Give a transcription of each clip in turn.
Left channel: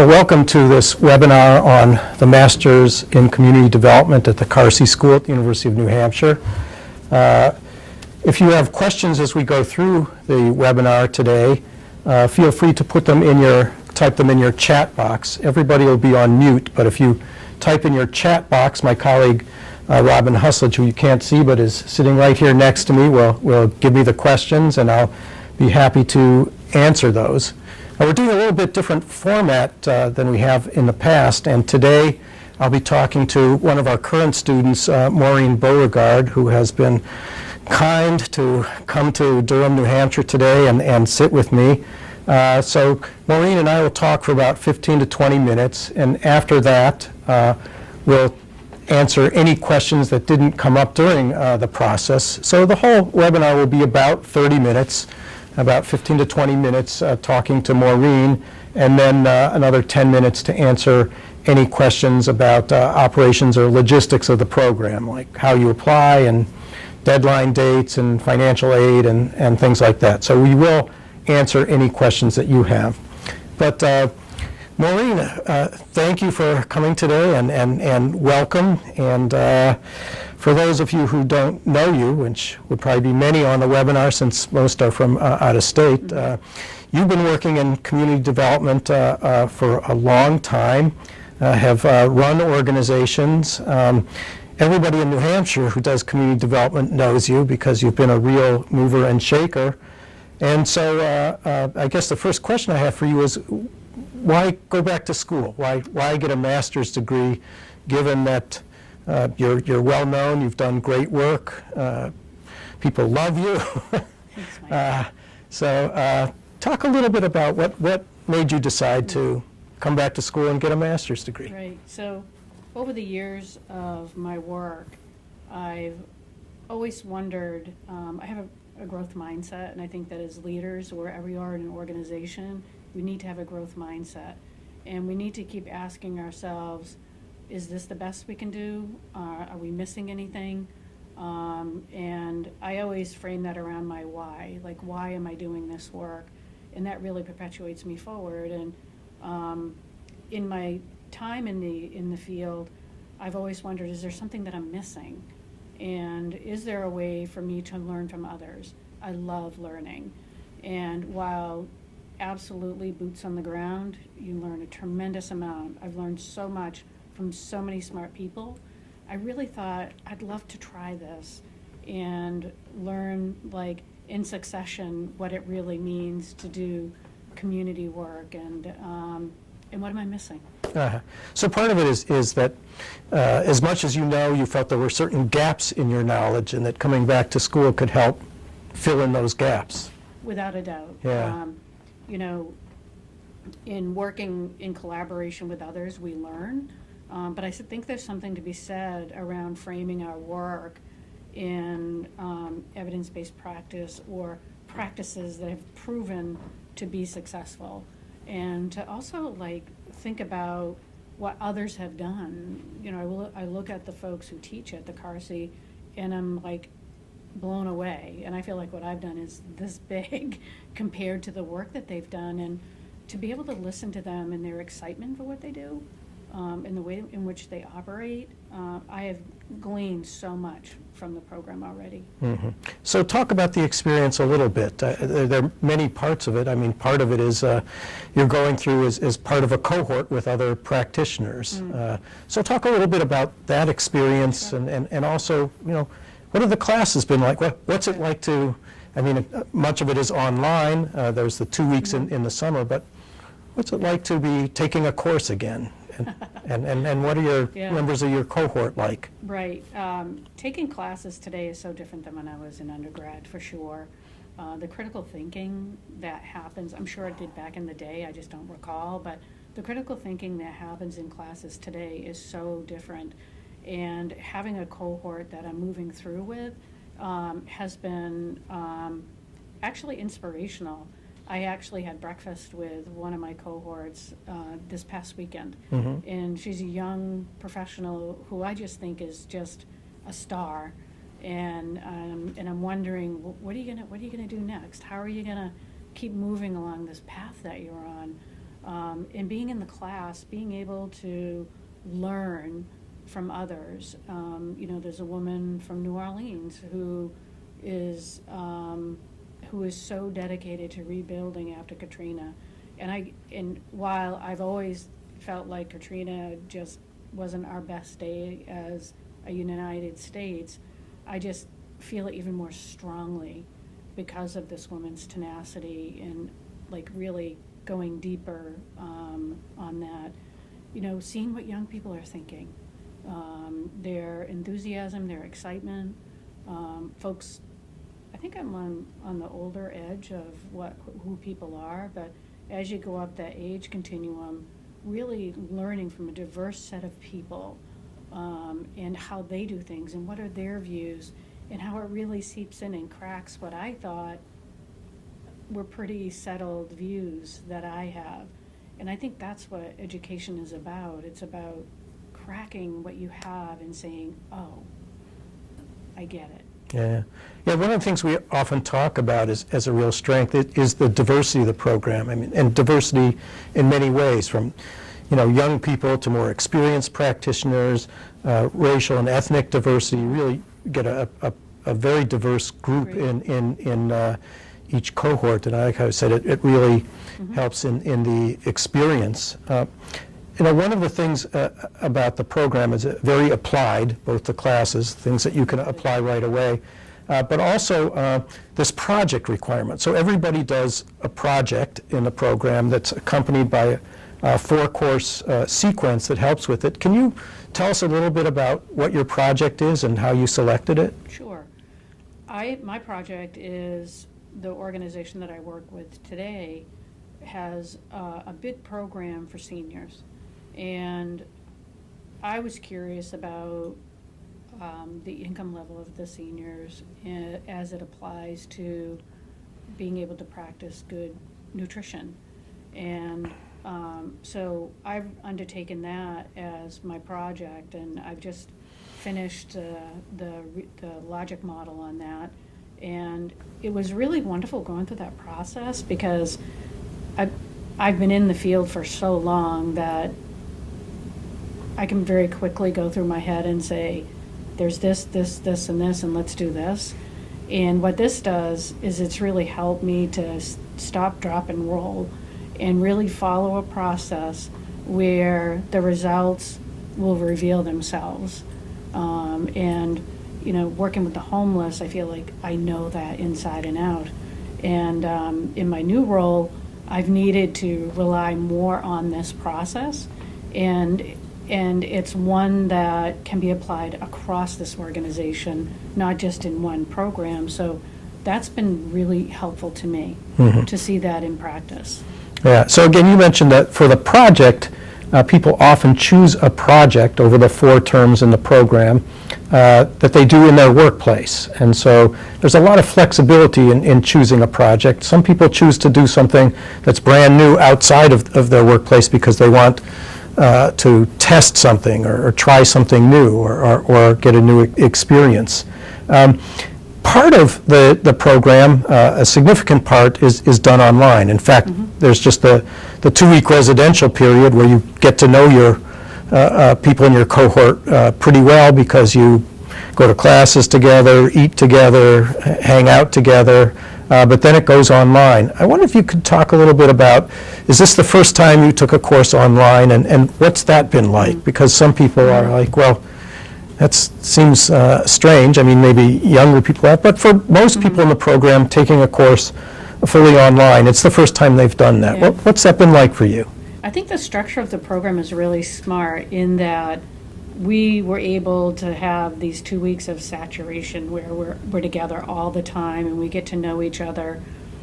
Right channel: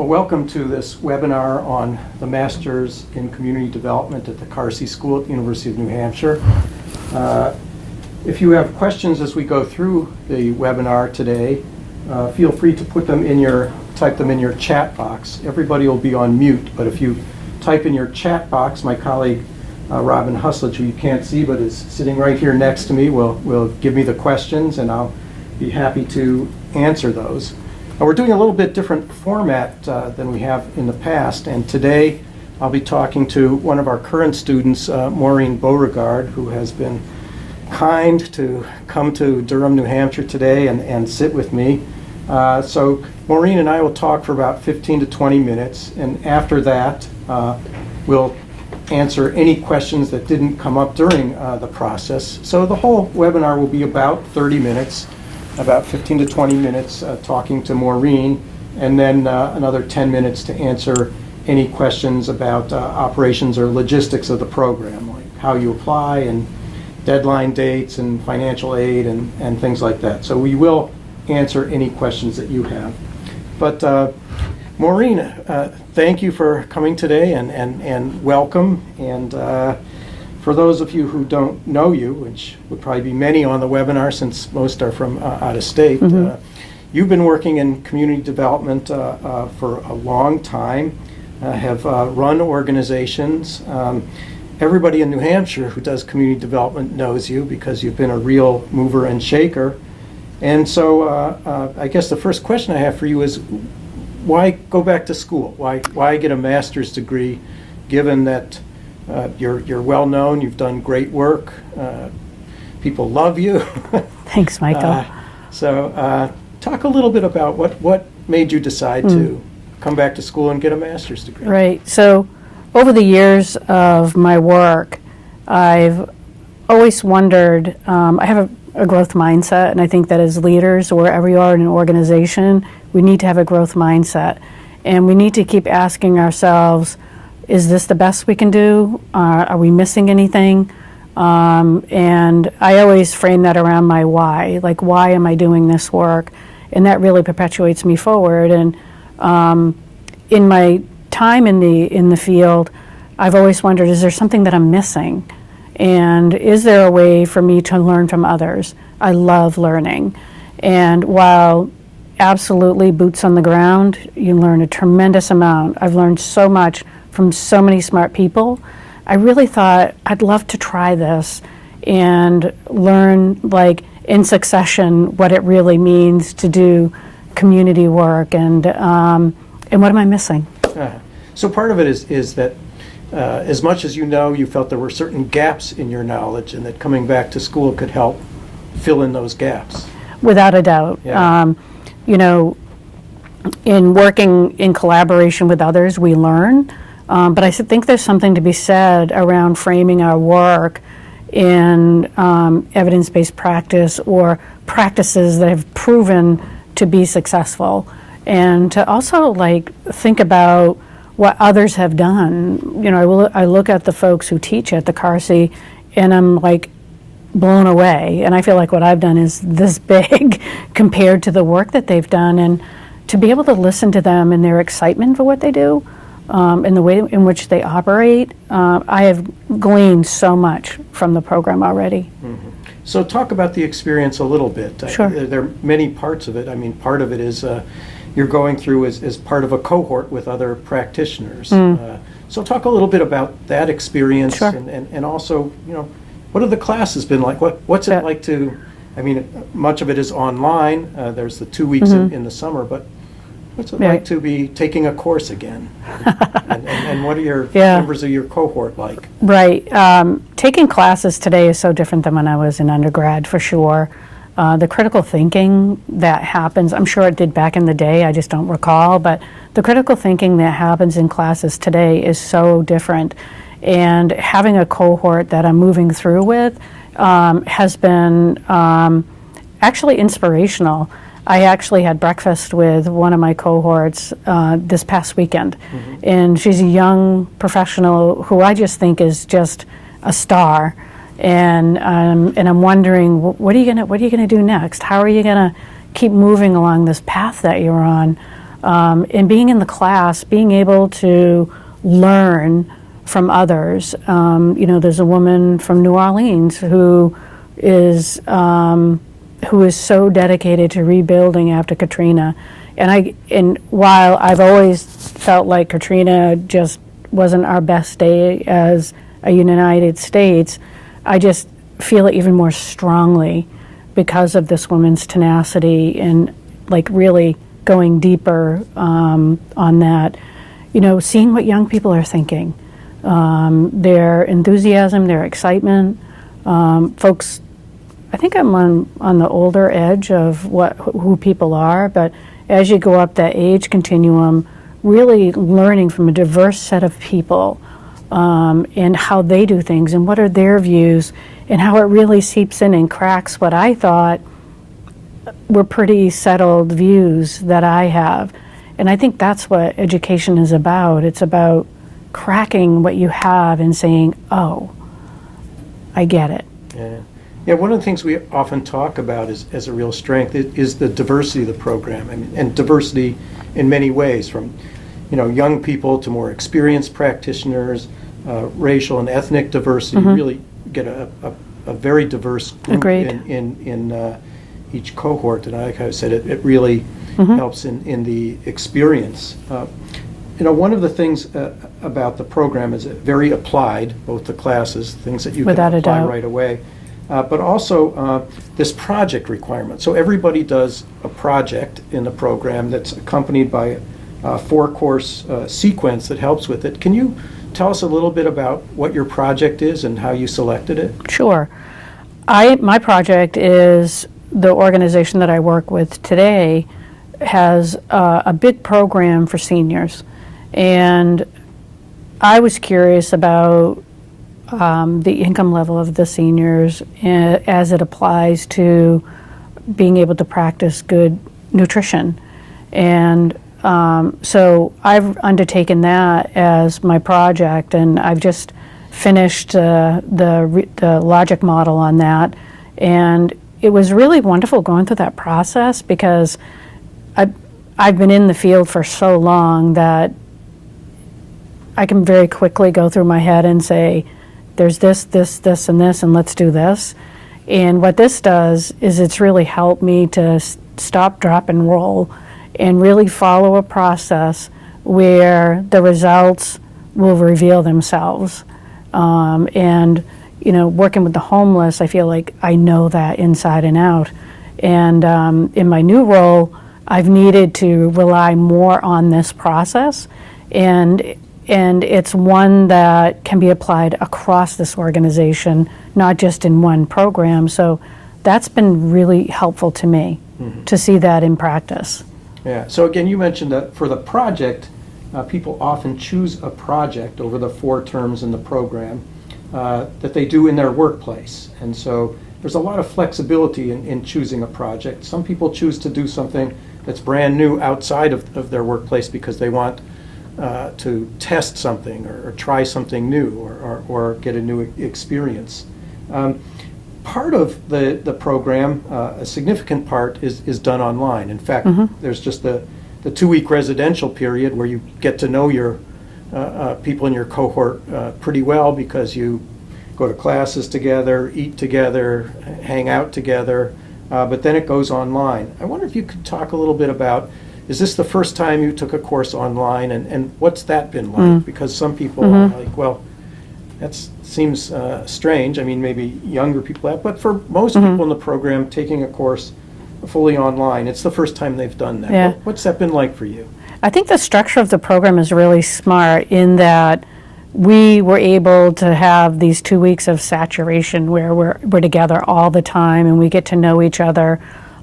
Well, welcome to this webinar on the Masters in Community Development at the Carsey School at the University of New Hampshire. If you have questions as we go through the webinar today, feel free to type them in your chat box. Everybody will be on mute, but if you type in your chat box, my colleague Robin Husledge, who you can't see but is sitting right here next to me, will give me the questions, and I'll be happy to answer those. Now, we're doing a little bit different format than we have in the past, and today I'll be talking to one of our current students, Maureen Beauregard, who has been kind to come to Durham, New Hampshire today and sit with me. So Maureen and I will talk for about 15 to 20 minutes, and after that we'll answer any questions that didn't come up during the process. So the whole webinar will be about 30 minutes. About 15 to 20 minutes talking to Maureen, and then another 10 minutes to answer any questions about operations or logistics of the program, like how you apply and deadline dates and financial aid and things like that. So we will answer any questions that you have. But Maureen, thank you for coming today and welcome. And for those of you who don't know you, which would probably be many on the webinar since most are from out of state, you've been working in community development for a long time, have run organizations. Everybody in New Hampshire who does community development knows you because you've been a real mover and shaker. And so I guess the first question I have for you is, why go back to school? Why get a master's degree, given that you're well known, you've done great work, people love you. Thanks, Michael. So talk a little bit about what made you decide to come back to school and get a master's degree. Right. So over the years of my work, I've always wondered, I have a growth mindset, and I think that as leaders, wherever you are in an organization, we need to have a growth mindset. And we need to keep asking ourselves, is this the best we can do? Are we missing anything? And I always frame that around my why, like, why am I doing this work? And that really perpetuates me forward. And in my time in the field, I've always wondered, is there something that I'm missing? And is there a way for me to learn from others? I love learning. And while absolutely boots on the ground, you learn a tremendous amount. I've learned so much from so many smart people. I really thought I'd love to try this and learn, like, in succession what it really means to do community work, and what am I missing? So part of it is that as much as you felt there were certain gaps in your knowledge, and that coming back to school could help fill in those gaps. Without a doubt. Yeah. In working in collaboration with others, we learn. But I think there's something to be said around framing our work in evidence-based practice or practices that have proven to be successful, and to also, like, think about what others have done. I look at the folks who teach at the Carsey, and I'm like blown away. And I feel like what I've done is this big compared to the work that they've done, and to be able to listen to them and their excitement for what they do. And the way in which they operate, I have gleaned so much from the program already. Mm-hmm. So talk about the experience a little bit. Sure. There are many parts of it. I mean, part of it is you're going through as part of a cohort with other practitioners. So talk a little bit about that experience. Sure. and also, what have the classes been like? What's it like to, much of it is online. There's the 2 weeks in the summer, but what's it like to be taking a course again? and what are your members of your cohort like? Right. Taking classes today is so different than when I was in undergrad, for sure. The critical thinking that happens, I'm sure it did back in the day, I just don't recall, but the critical thinking that happens in classes today is so different. And having a cohort that I'm moving through with has been actually inspirational. I actually had breakfast with one of my cohorts this past weekend, and she's a young professional who I just think is just a star. And I'm wondering, what are you gonna do next? How are you gonna keep moving along this path that you're on? And being in the class, being able to learn from others. There's a woman from New Orleans who is so dedicated to rebuilding after Katrina. And while I've always felt like Katrina just wasn't our best day as a United States, I just feel it even more strongly because of this woman's tenacity and like really going deeper on that. Seeing what young people are thinking, their enthusiasm, their excitement. Folks, I think I'm on the older edge of who people are, but as you go up that age continuum, really learning from a diverse set of people and how they do things and what are their views and how it really seeps in and cracks what I thought were pretty settled views that I have. And I think that's what education is about. It's about cracking what you have and saying, oh, I get it. Yeah, one of the things we often talk about as a real strength is the diversity of the program, and diversity in many ways, from young people to more experienced practitioners, racial and ethnic diversity. You really get a very diverse group in each cohort, and like I said, it really helps in the experience. One of the things about the program is very applied, both the classes, things that you can apply right away, but also this project requirement. So everybody does a project in the program that's accompanied by a 4-course sequence that helps with it. Can you tell us a little bit about what your project is and how you selected it? Sure. My project is the organization that I work with today has a big program for seniors. And I was curious about the income level of the seniors as it applies to being able to practice good nutrition. And so I've undertaken that as my project, and I've just finished the logic model on that. And it was really wonderful going through that process because I've been in the field for so long that I can very quickly go through my head and say, there's this, and this, and let's do this. And what this does is it's really helped me to stop, drop, and roll and really follow a process where the results will reveal themselves. And working with the homeless, I feel like I know that inside and out. And in my new role, I've needed to rely more on this process, and it's one that can be applied across this organization, not just in one program. So that's been really helpful to me to see that in practice. Yeah, so again, you mentioned that for the project, people often choose a project over the 4 terms in the program that they do in their workplace. And so there's a lot of flexibility in choosing a project. Some people choose to do something that's brand new outside of their workplace because they want to test something or try something new or get a new experience. Part of the program, a significant part, is done online. In fact, there's just the 2-week residential period where you get to know your people in your cohort pretty well because you go to classes together, eat together, hang out together, but then it goes online. I wonder if you could talk a little bit about, is this the first time you took a course online, and what's that been like? Because some people are like, well, that seems strange. I mean, maybe younger people have, but for most people in the program, taking a course fully online, it's the first time they've done that. Yeah. What's that been like for you? I think the structure of the program is really smart in that we were able to have these 2 weeks of saturation where we're together all the time and we get to know each other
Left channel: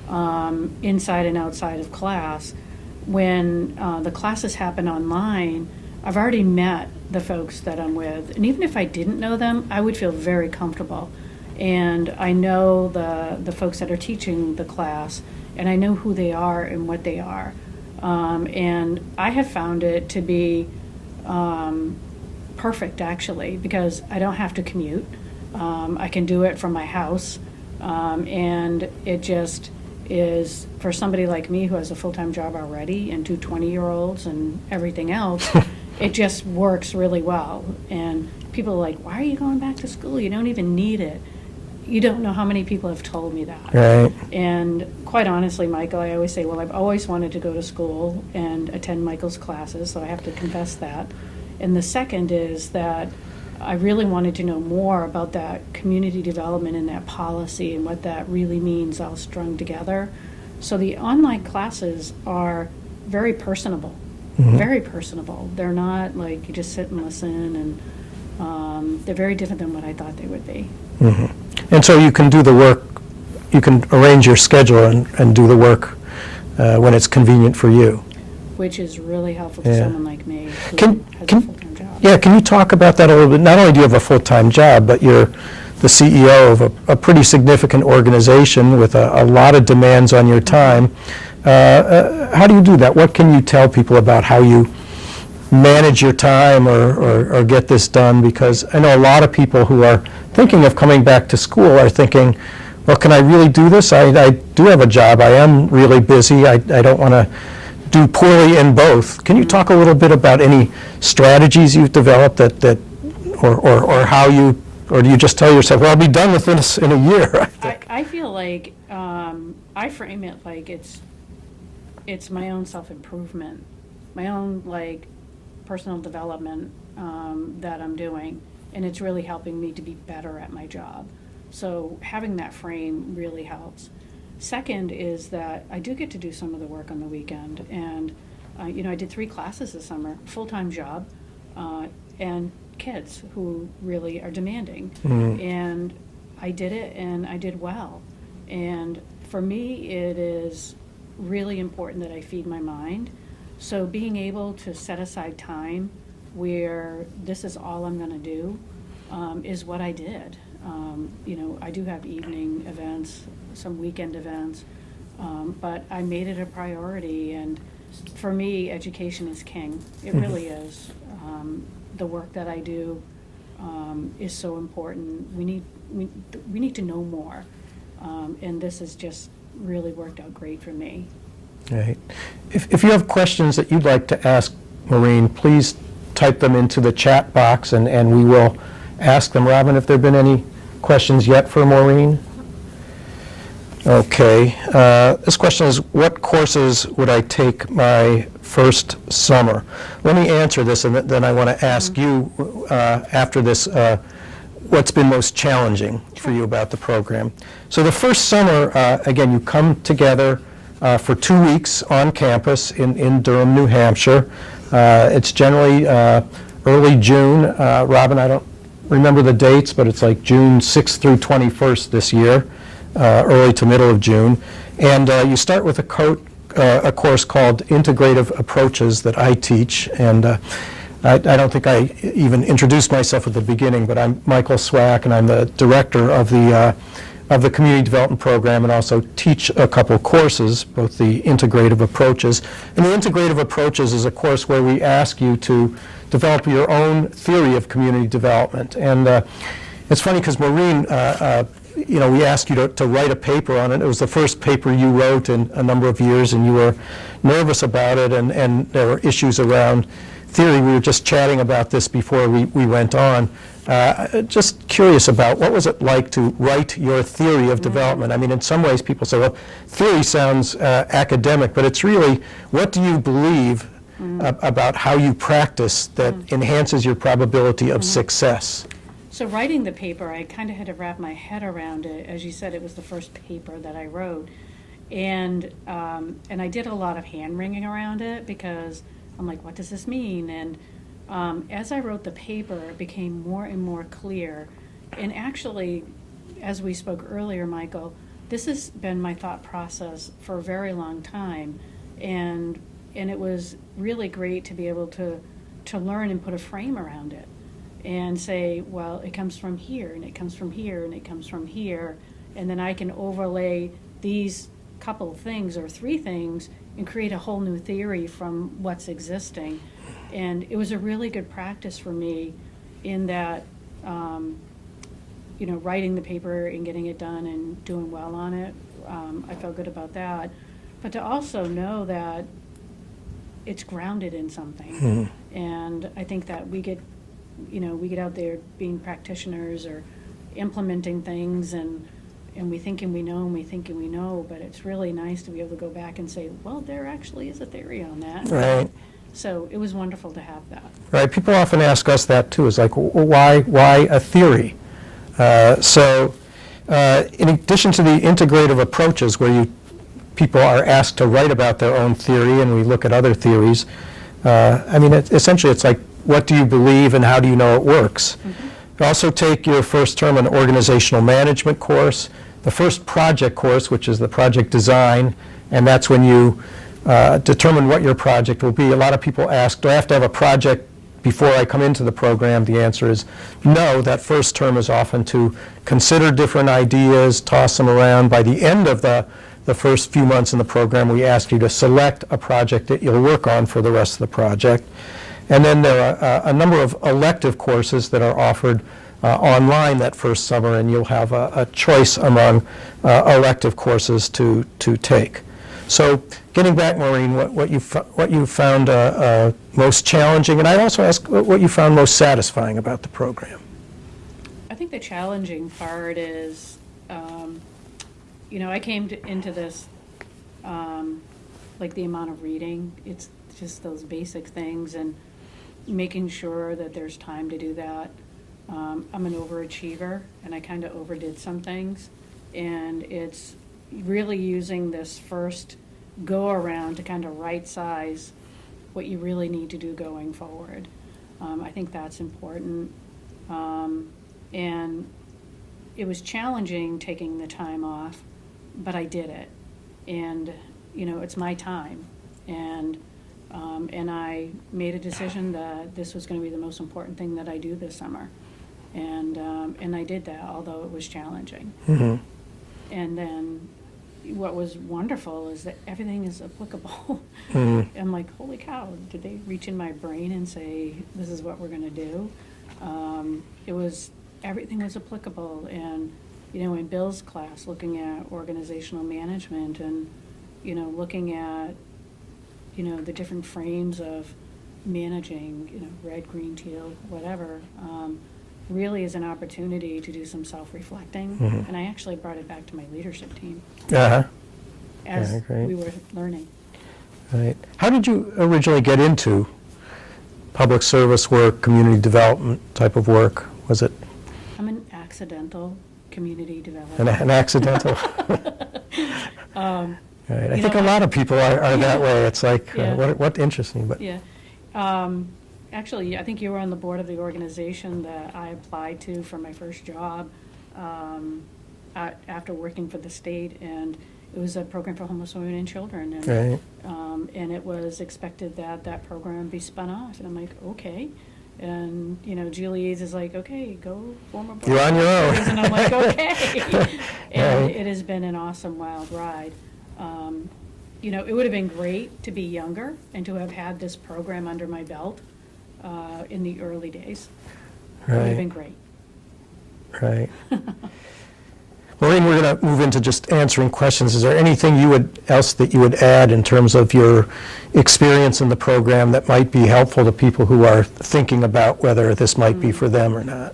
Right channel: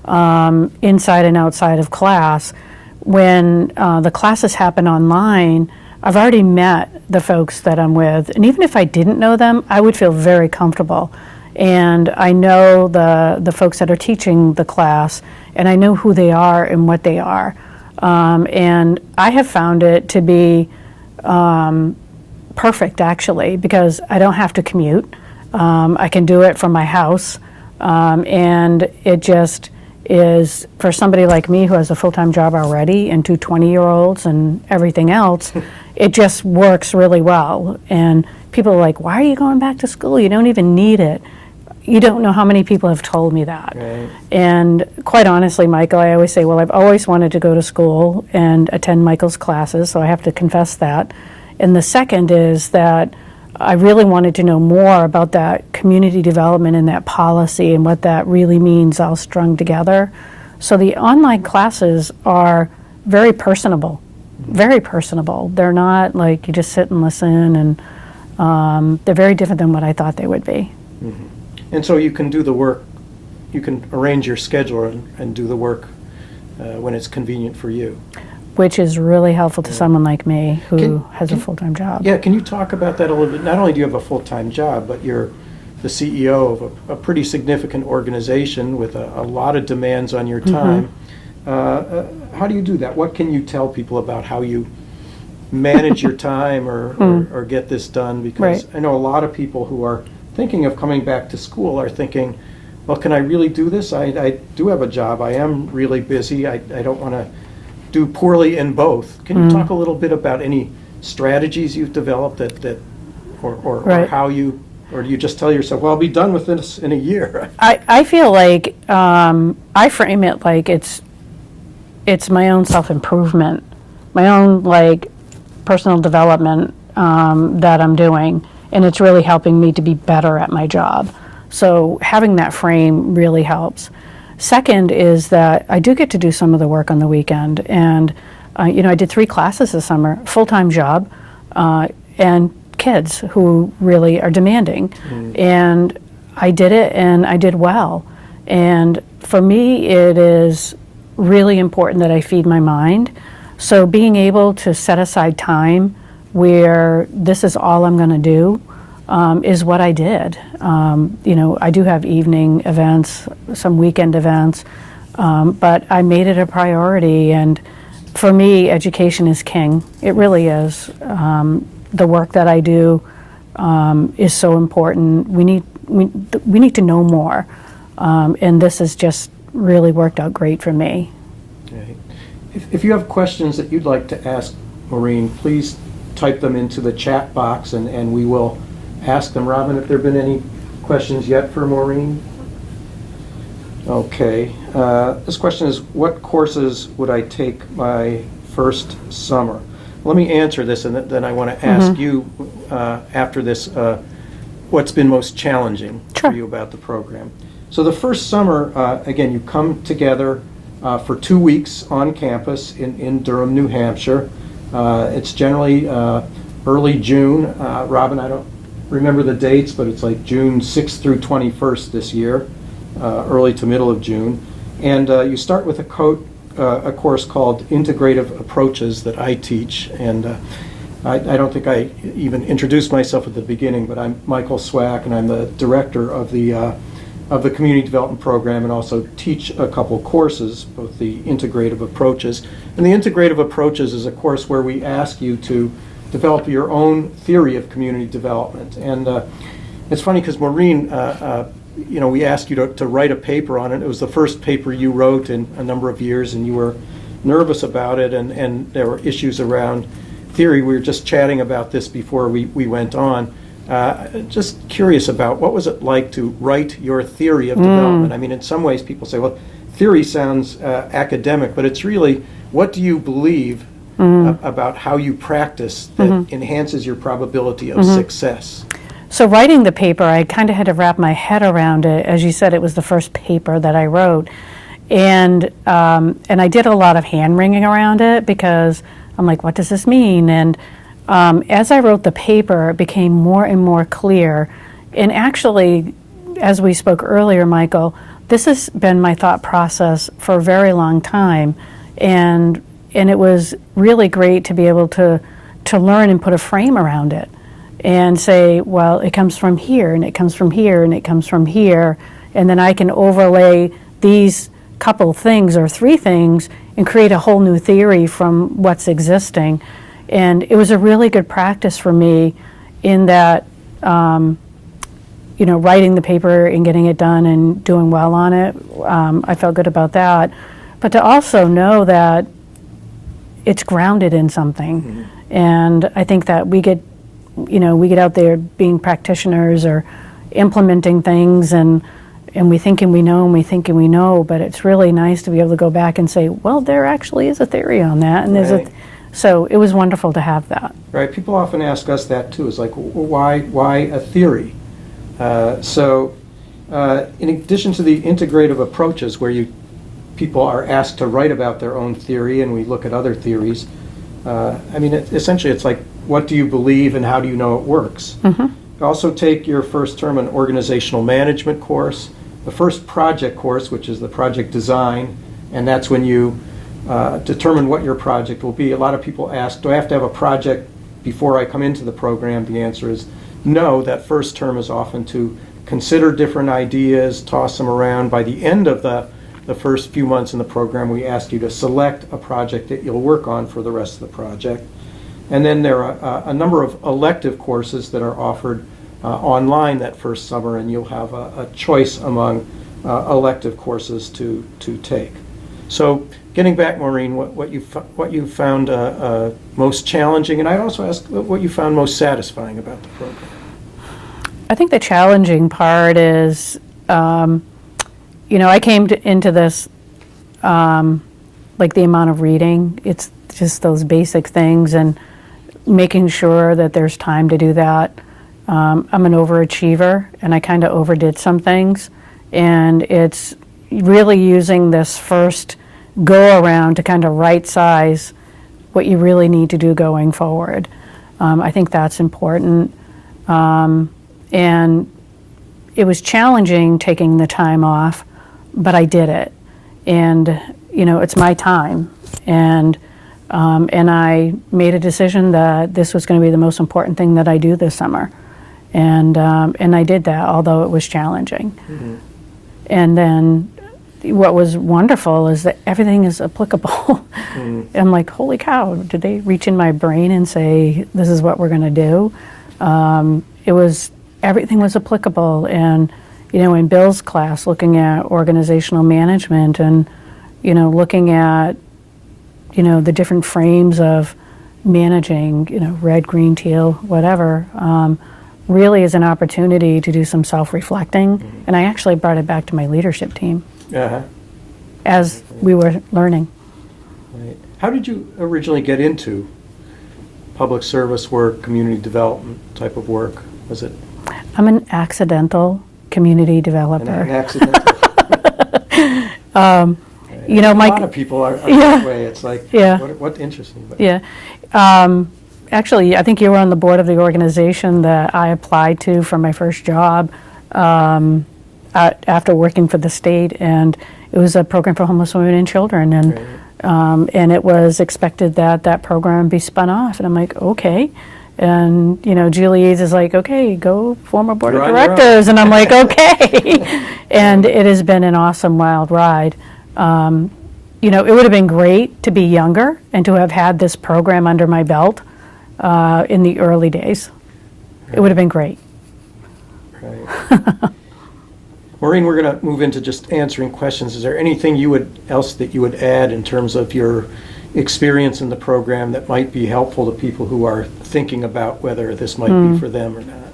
inside and outside of class. When the classes happen online, I've already met the folks that I'm with, and even if I didn't know them, I would feel very comfortable. And I know the folks that are teaching the class, and I know who they are and what they are. And I have found it to be perfect, actually, because I don't have to commute. I can do it from my house, and it is for somebody like me who has a full-time job already and two 20-year-olds and everything else, it just works really well. And people are like, why are you going back to school? You don't even need it. You don't know how many people have told me that. Right. And quite honestly, Michael, I always say, well, I've always wanted to go to school and attend Michael's classes, so I have to confess that. And the second is that I really wanted to know more about that community development and that policy and what that really means all strung together. So the online classes are very personable, very personable. They're not like you just sit and listen, and they're very different than what I thought they would be. And so you can do the work, you can arrange your schedule and do the work when it's convenient for you. Which is really helpful to someone like me who has a full-time job. Yeah, can you talk about that a little bit? Not only do you have a full-time job, but you're the CEO of a pretty significant organization with a lot of demands on your time. How do you do that? What can you tell people about how you manage your time or get this done? Because I know a lot of people who are thinking of coming back to school are thinking, well, can I really do this? I do have a job. I am really busy. I don't want to do poorly in both. Can you talk a little bit about any strategies you've developed or how you, or do you just tell yourself, well, I'll be done with this in a year? I feel like I frame it like it's my own self-improvement, my own like personal development that I'm doing, and it's really helping me to be better at my job. So having that frame really helps. Second is that I do get to do some of the work on the weekend, and I did 3 classes this summer, full-time job, and kids who really are demanding. And I did it, and I did well. And for me, it is really important that I feed my mind. So being able to set aside time where this is all I'm going to do is what I did. I do have evening events, some weekend events, but I made it a priority. And for me, education is king. It really is. The work that I do is so important. We need to know more, and this has just really worked out great for me. Right. If you have questions that you'd like to ask Maureen, please type them into the chat box, and we will ask them. Robin, have there been any questions yet for Maureen? Okay. This question is, what courses would I take my first summer? Let me answer this, and then I want to ask you after this what's been most challenging for you about the program. So the first summer, again, you come together for 2 weeks on campus in Durham, New Hampshire. It's generally early June. Robin, I don't remember the dates, but it's like June 6th through 21st this year, early to middle of June. And you start with a course called Integrative Approaches that I teach. And I don't think I even introduced myself at the beginning, but I'm Michael Swack, and I'm the director of the Community Development Program, and also teach a couple courses, both the Integrative Approaches. And the Integrative Approaches is a course where we ask you to develop your own theory of community development. And it's funny because Maureen, we asked you to write a paper on it. It was the first paper you wrote in a number of years, and you were nervous about it, and there were issues around theory. We were just chatting about this before we went on. Just curious about what was it like to write your theory of development? I mean, in some ways people say, well, theory sounds academic, but it's really, what do you believe about how you practice that enhances your probability of success? So writing the paper, I kind of had to wrap my head around it. As you said, it was the first paper that I wrote. And I did a lot of hand-wringing around it because I'm like, what does this mean? And as I wrote the paper, it became more and more clear. And actually, as we spoke earlier, Michael, this has been my thought process for a very long time. And it was really great to be able to learn and put a frame around it and say, well, it comes from here, and it comes from here, and it comes from here. And then I can overlay these couple things or 3 things and create a whole new theory from what's existing. And it was a really good practice for me in that writing the paper and getting it done and doing well on it, I felt good about that. But to also know that it's grounded in something. And I think that we get out there being practitioners or implementing things, and we thinking we know and we thinking we know, but it's really nice to be able to go back and say, well, there actually is a theory on that. And Right. So it was wonderful to have that. Right, people often ask us that too. It's like, why a theory? In addition to the integrative approaches, where people are asked to write about their own theory, and we look at other theories. Essentially, it's like, what do you believe and how do you know it works? You also take your first term an organizational management course, the first project course, which is the project design, and that's when you determine what your project will be. A lot of people ask, do I have to have a project before I come into the program? The answer is no. That first term is often to consider different ideas, toss them around. By the end of the first few months in the program, we ask you to select a project that you'll work on for the rest of the project. And then there are a number of elective courses that are offered online that first summer, and you'll have a choice among elective courses to take. So getting back, Maureen, what you found most challenging, and I also ask what you found most satisfying about the program. I think the challenging part is, I came into this like the amount of reading. It's just those basic things and making sure that there's time to do that. I'm an overachiever, and I kind of overdid some things, and it's really using this first go around to kind of right size what you really need to do going forward. I think that's important. And it was challenging taking the time off, but I did it. And, it's my time. And I made a decision that this was going to be the most important thing that I do this summer. And I did that, although it was challenging. And then what was wonderful is that everything is applicable. I'm like, holy cow, did they reach in my brain and say, this is what we're going to do? Everything was applicable. And, in Bill's class, looking at organizational management and, looking at, the different frames of managing, red, green, teal, whatever, really is an opportunity to do some self-reflecting. And I actually brought it back to my leadership team as we were learning. Right. How did you originally get into public service work, community development type of work? Was it? I'm an accidental community developer. An accidental? Right. A lot of people are that way. It's like, what interesting. But. Yeah. Actually, I think you were on the board of the organization that I applied to for my first job after working for the state, and it was a program for homeless women and children, and it was expected that that program be spun off, and I'm like, okay. And, Julie Eads is like, okay, go form a board of directors, and I'm like, okay. And it has been an awesome, wild ride. It would have been great to be younger and to have had this program under my belt in the early days. It would have been great. Right. Maureen, we're going to move into just answering questions. Is there anything else that you would add in terms of your experience in the program that might be helpful to people who are thinking about whether this might be for them or not?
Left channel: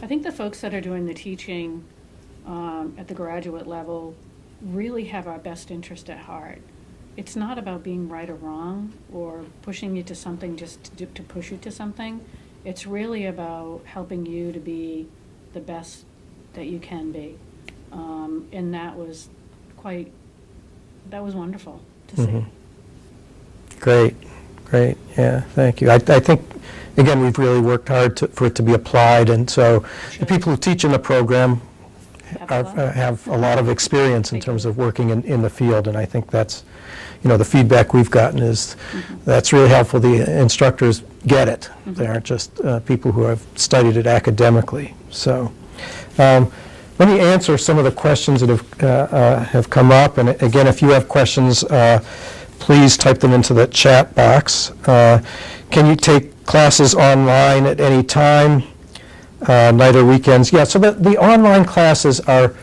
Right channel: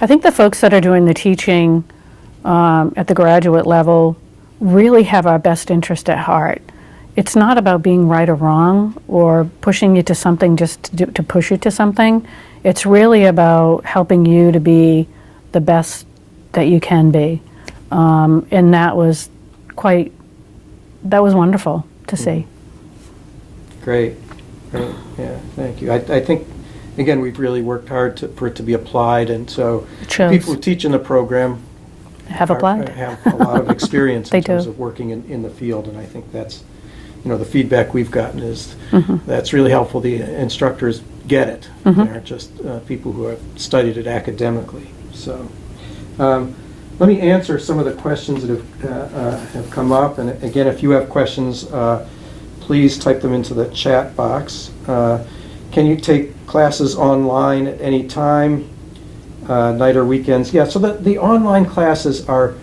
I think the folks that are doing the teaching at the graduate level really have our best interest at heart. It's not about being right or wrong or pushing you to something just to push you to something. It's really about helping you to be the best that you can be. And that was wonderful to see. Great, yeah, thank you. I think, again, we've really worked hard for it to be applied, and so the people who teach in the program have applied. Have a lot of experience in terms of working in the field, and I think that's, the feedback we've gotten is that's really helpful. The instructors get it. They aren't just people who have studied it academically. So let me answer some of the questions that have come up, and again, if you have questions, please type them into the chat box. Can you take classes online at any time? night or weekends. Yeah, so the online classes are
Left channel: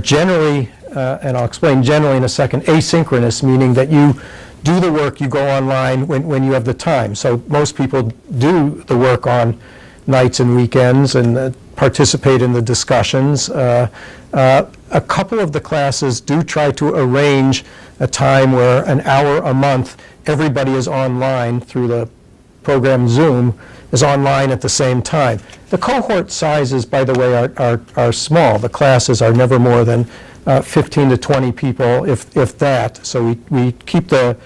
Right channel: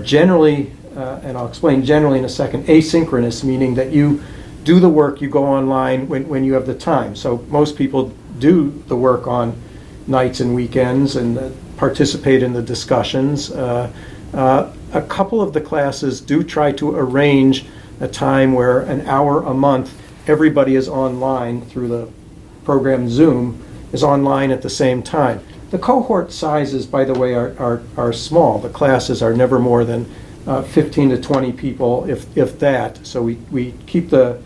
generally, and I'll explain generally in a second, asynchronous, meaning that you do the work, you go online when you have the time. So most people do the work on nights and weekends and participate in the discussions. A couple of the classes do try to arrange a time where an hour a month, everybody is online through the program Zoom, is online at the same time. The cohort sizes, by the way, are small. The classes are never more than 15 to 20 people, if that. So we keep the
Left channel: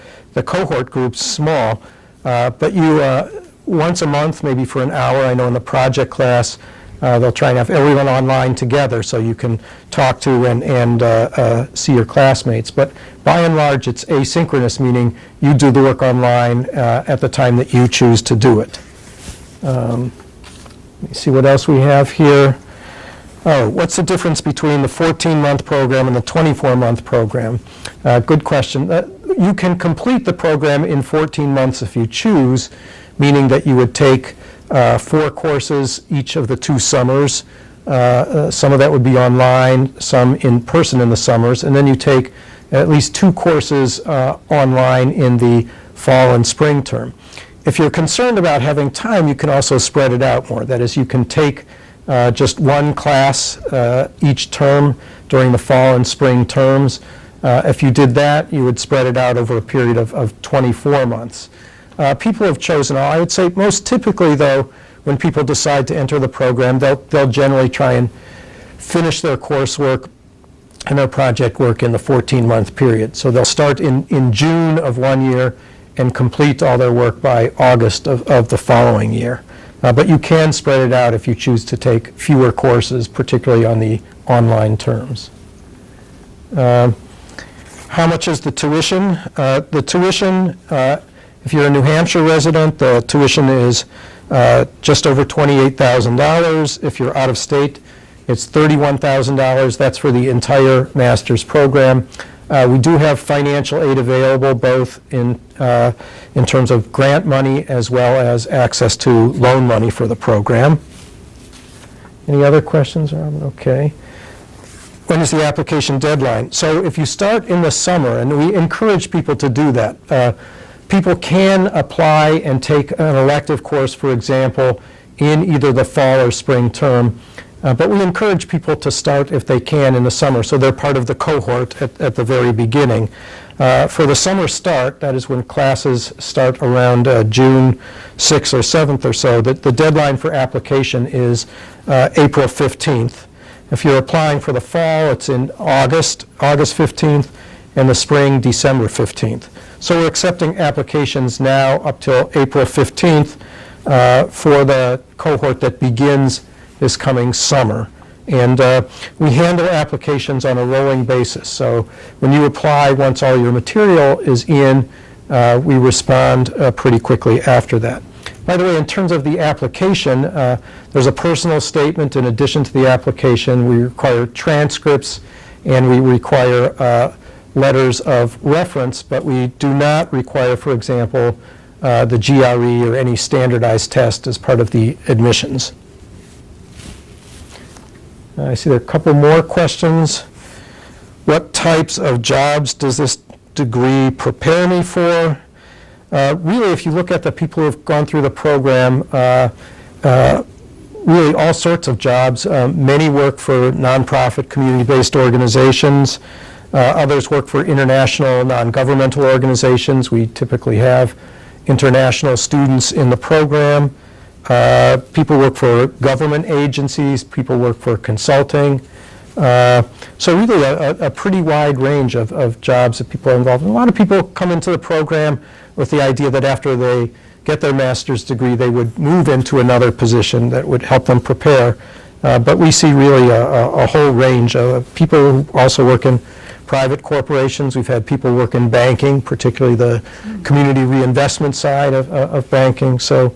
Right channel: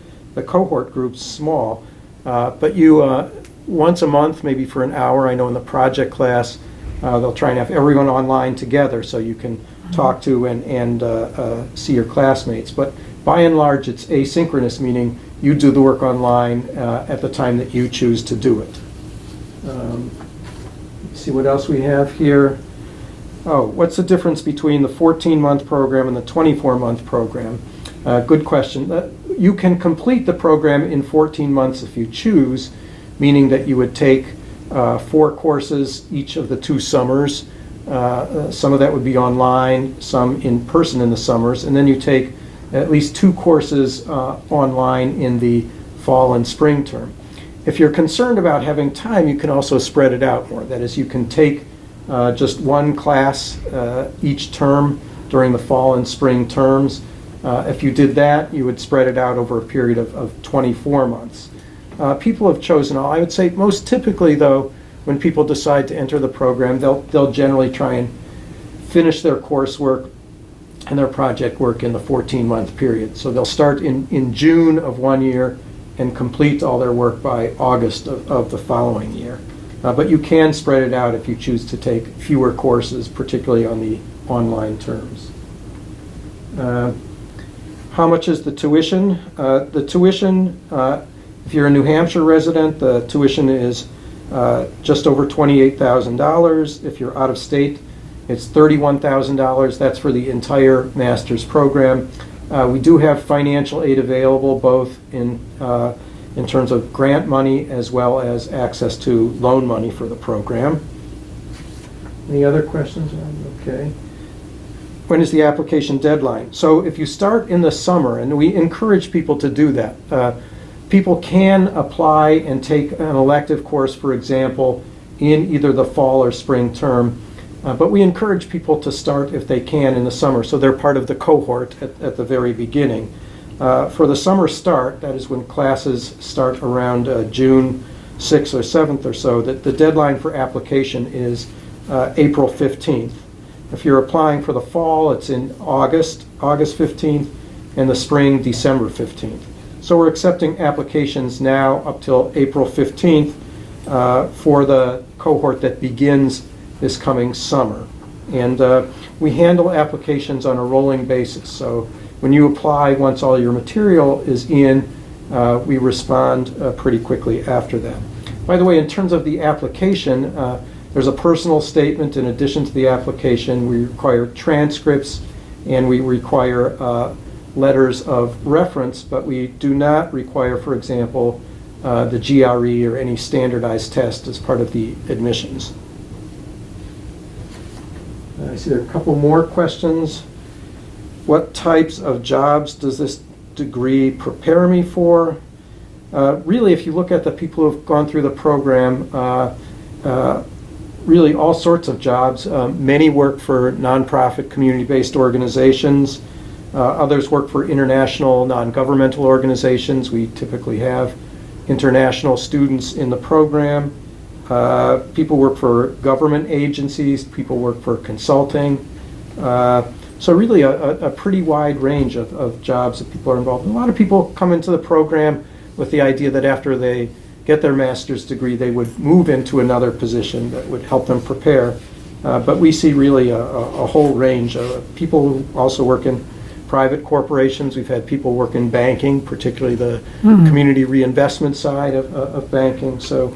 cohort groups small. But you, once a month, maybe for an hour, I know in the project class, they'll try and have everyone online together so you can talk to and see your classmates. But by and large, it's asynchronous, meaning you do the work online at the time that you choose to do it. Let me see what else we have here. Oh, what's the difference between the 14-month program and the 24-month program? Good question. You can complete the program in 14 months if you choose, meaning that you would take 4 courses each of the 2 summers. Some of that would be online, some in person in the summers, and then you take at least 2 courses online in the fall and spring term. If you're concerned about having time, you can also spread it out more. That is, you can take just 1 class each term during the fall and spring terms. If you did that, you would spread it out over a period of 24 months. People have chosen, I would say most typically though, when people decide to enter the program, they'll generally try and finish their coursework and their project work in the 14-month period. So they'll start in June of one year and complete all their work by August of the following year. But you can spread it out if you choose to take fewer courses, particularly on the online terms. How much is the tuition? The tuition, if you're a New Hampshire resident, the tuition is just over $28,000. If you're out of state, it's $31,000. That's for the entire master's program. We do have financial aid available, both in terms of grant money as well as access to loan money for the program. Any other questions? Okay. When is the application deadline? So if you start in the summer, and we encourage people to do that, people can apply and take an elective course, for example, in either the fall or spring term. But we encourage people to start, if they can, in the summer, so they're part of the cohort at the very beginning. For the summer start, that is when classes start around June 6th or 7th or so, the deadline for application is April 15th. If you're applying for the fall, it's in August 15th, and the spring, December 15th. So we're accepting applications now up till April 15th for the cohort that begins this coming summer. And we handle applications on a rolling basis. So when you apply, once all your material is in, we respond pretty quickly after that. By the way, in terms of the application, there's a personal statement in addition to the application. We require transcripts and we require letters of reference, but we do not require, for example, the GRE or any standardized test as part of the admissions. I see there are a couple more questions. What types of jobs does this degree prepare me for? Really, if you look at the people who have gone through the program, really all sorts of jobs. Many work for nonprofit, community-based organizations. Others work for international, non-governmental organizations. We typically have international students in the program. People work for government agencies, people work for consulting. So really a pretty wide range of jobs that people are involved in. A lot of people come into the program with the idea that after they get their master's degree, they would move into another position that would help them prepare. But we see really a whole range of people who also work in private corporations. We've had people work in banking, particularly the community reinvestment side of banking. So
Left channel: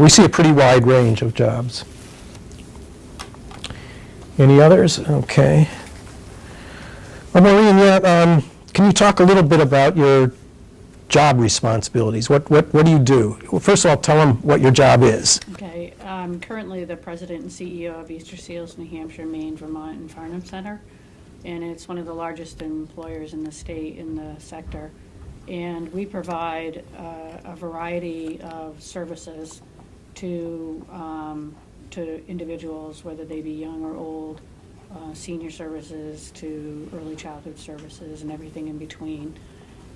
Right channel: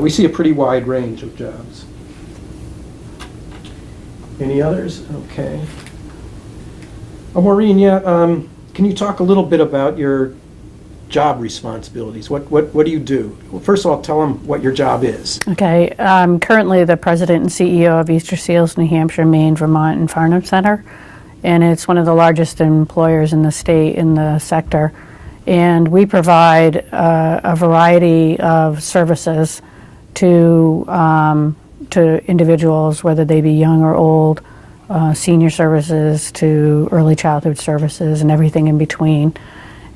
we see a pretty wide range of jobs. Any others? Okay. Well, Maureen, yeah, can you talk a little bit about your job responsibilities? What do you do? Well, first of all, tell them what your job is. Okay, I'm currently the president and CEO of Easter Seals, New Hampshire, Maine, Vermont, and Farnham Center, and it's one of the largest employers in the state in the sector. And we provide a variety of services to individuals, whether they be young or old, senior services to early childhood services and everything in between.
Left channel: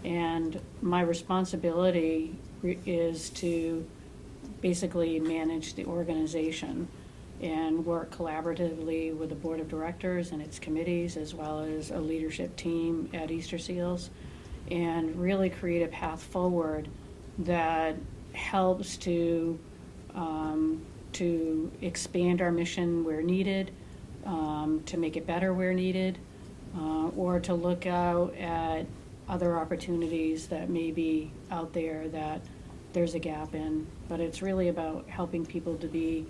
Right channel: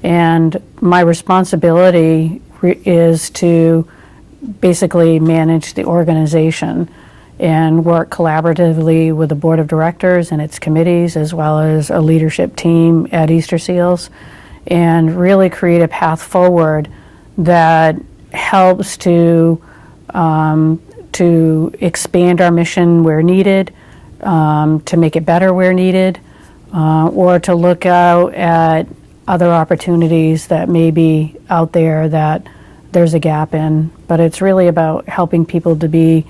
And my responsibility is to basically manage the organization and work collaboratively with the board of directors and its committees, as well as a leadership team at Easter Seals, and really create a path forward that helps to expand our mission where needed, to make it better where needed, or to look out at other opportunities that may be out there that there's a gap in. But it's really about helping people to be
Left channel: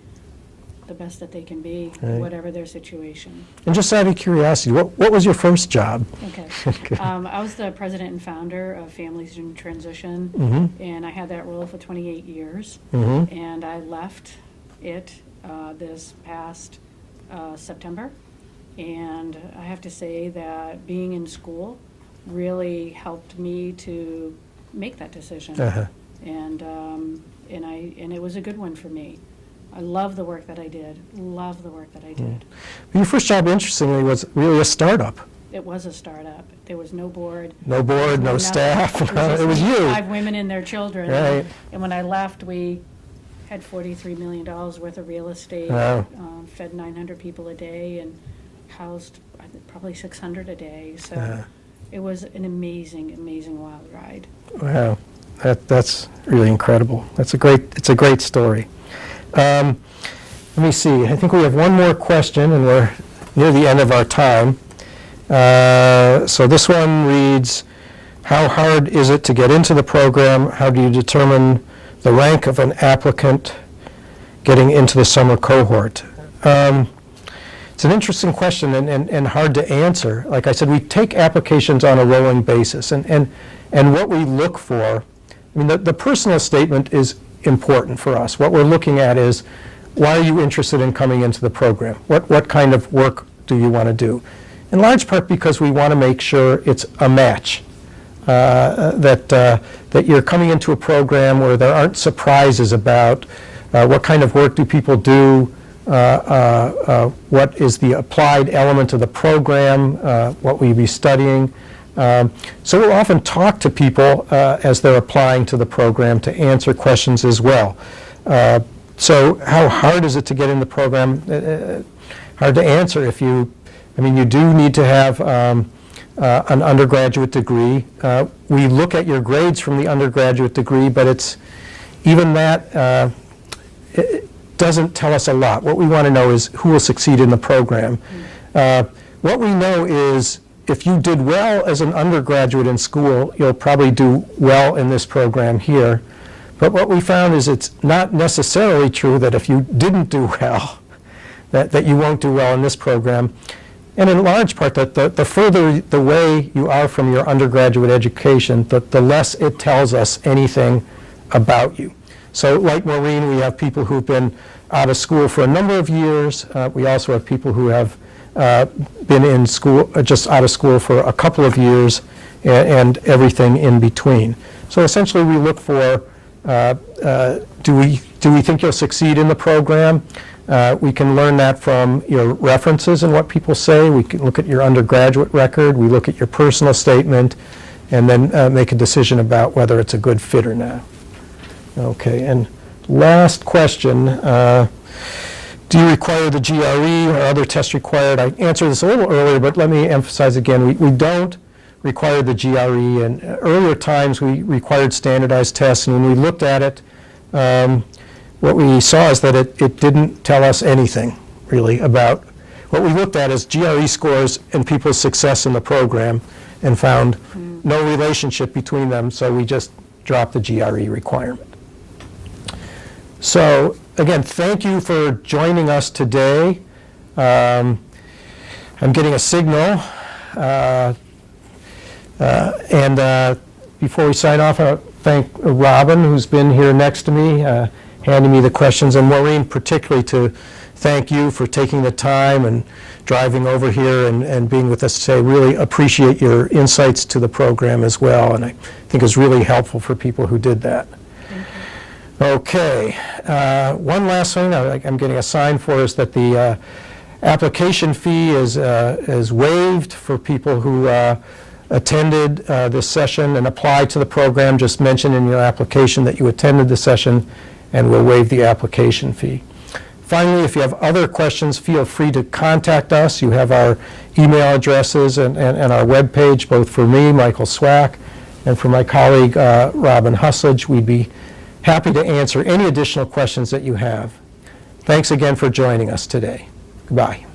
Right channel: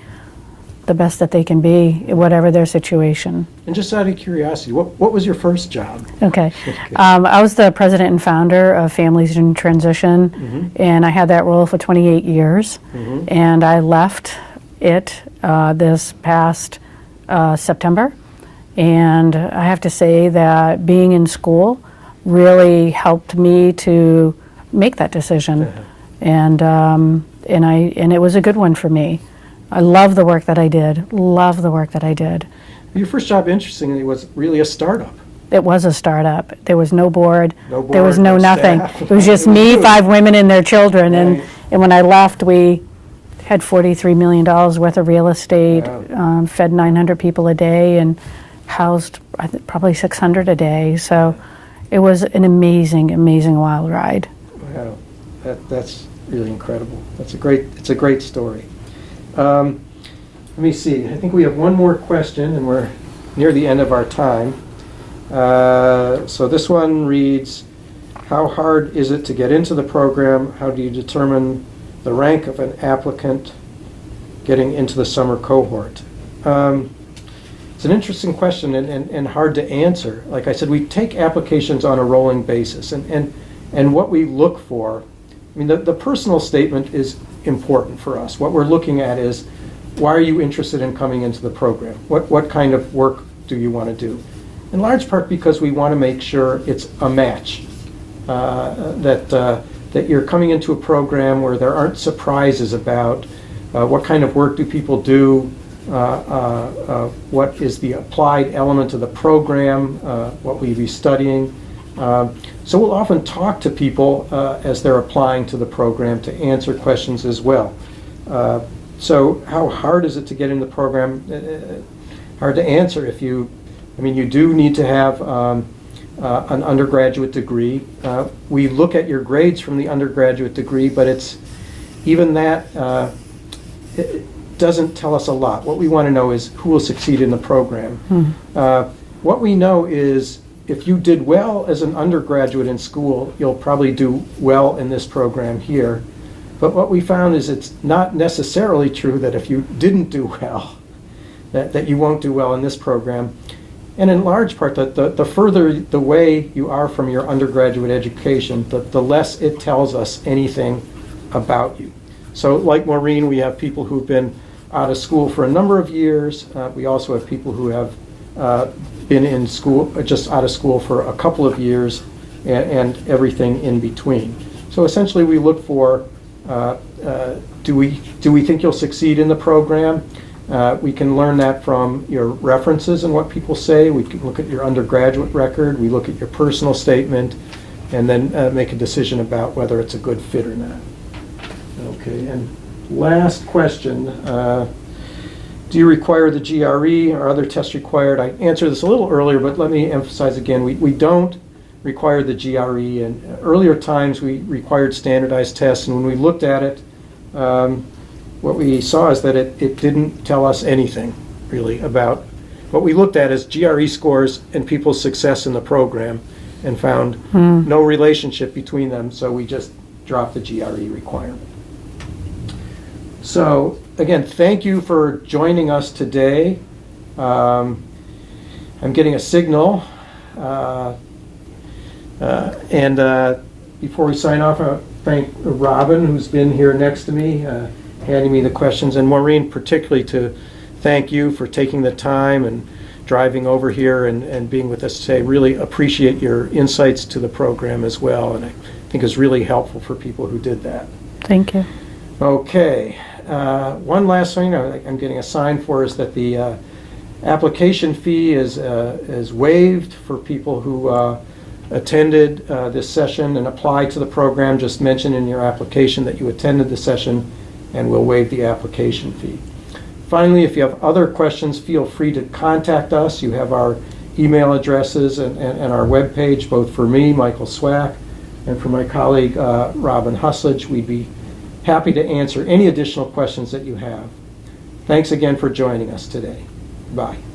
the best that they can be, whatever their situation. And just out of curiosity, what was your first job? Okay. I was the president and founder of Families in Transition, and I had that role for 28 years. And I left it this past September. And I have to say that being in school really helped me to make that decision. And it was a good one for me. I love the work that I did, love the work that I did. Your first job, interestingly, was really a startup. It was a startup. There was no board, No board, there was no nothing. staff. It was just It was me, you. 5 women and their children. Right. And when I left, we had $43 million worth of real estate, Wow. fed 900 people a day, and housed probably 600 a day. So it was an amazing, amazing wild ride. Wow, that's really incredible. It's a great story. Let me see. I think we have one more question, and we're near the end of our time. So this one reads, how hard is it to get into the program? How do you determine the rank of an applicant getting into the summer cohort? It's an interesting question and hard to answer. Like I said, we take applications on a rolling basis, and what we look for, I mean, the personal statement is important for us. What we're looking at is, why are you interested in coming into the program? What kind of work do you want to do? In large part because we want to make sure it's a match, that you're coming into a program where there aren't surprises about what kind of work do people do, what is the applied element of the program, what will you be studying. So we'll often talk to people as they're applying to the program to answer questions as well. So how hard is it to get in the program? Hard to answer. You do need to have an undergraduate degree. We look at your grades from the undergraduate degree, but it's even that it doesn't tell us a lot. What we want to know is who will succeed in the program. What we know is, if you did well as an undergraduate in school, you'll probably do well in this program here. But what we found is it's not necessarily true that if you didn't do well, that you won't do well in this program. And in large part, that the further the way you are from your undergraduate education, the less it tells us anything about you. So like Maureen, we have people who've been out of school for a number of years. We also have people who have been in school, just out of school for a couple of years, and everything in between. So essentially we look for, do we think you'll succeed in the program? We can learn that from your references and what people say. We can look at your undergraduate record, we look at your personal statement, and then make a decision about whether it's a good fit or not. Okay, and last question. Do you require the GRE or other tests required? I answered this a little earlier, but let me emphasize again, we don't require the GRE. And earlier times we required standardized tests, and when we looked at it, what we saw is that it didn't tell us anything really about. What we looked at is GRE scores and people's success in the program, and found no relationship between them, so we just dropped the GRE requirement. So again, thank you for joining us today. I'm getting a signal, and Before we sign off, I thank Robin, who's been here next to me, handing me the questions, and Maureen particularly to thank you for taking the time and driving over here and being with us today. Really appreciate your insights to the program as well, and I think it's really helpful for people who did that. Thank you. Okay, one last thing I'm getting a sign for is that the application fee is waived for people who attended this session and applied to the program. Just mention in your application that you attended the session, and we'll waive the application fee. Finally, if you have other questions, feel free to contact us. You have our email addresses and our webpage, both for me, Michael Swack, and for my colleague, Robin Husledge. We'd be happy to answer any additional questions that you have. Thanks again for joining us today. Goodbye.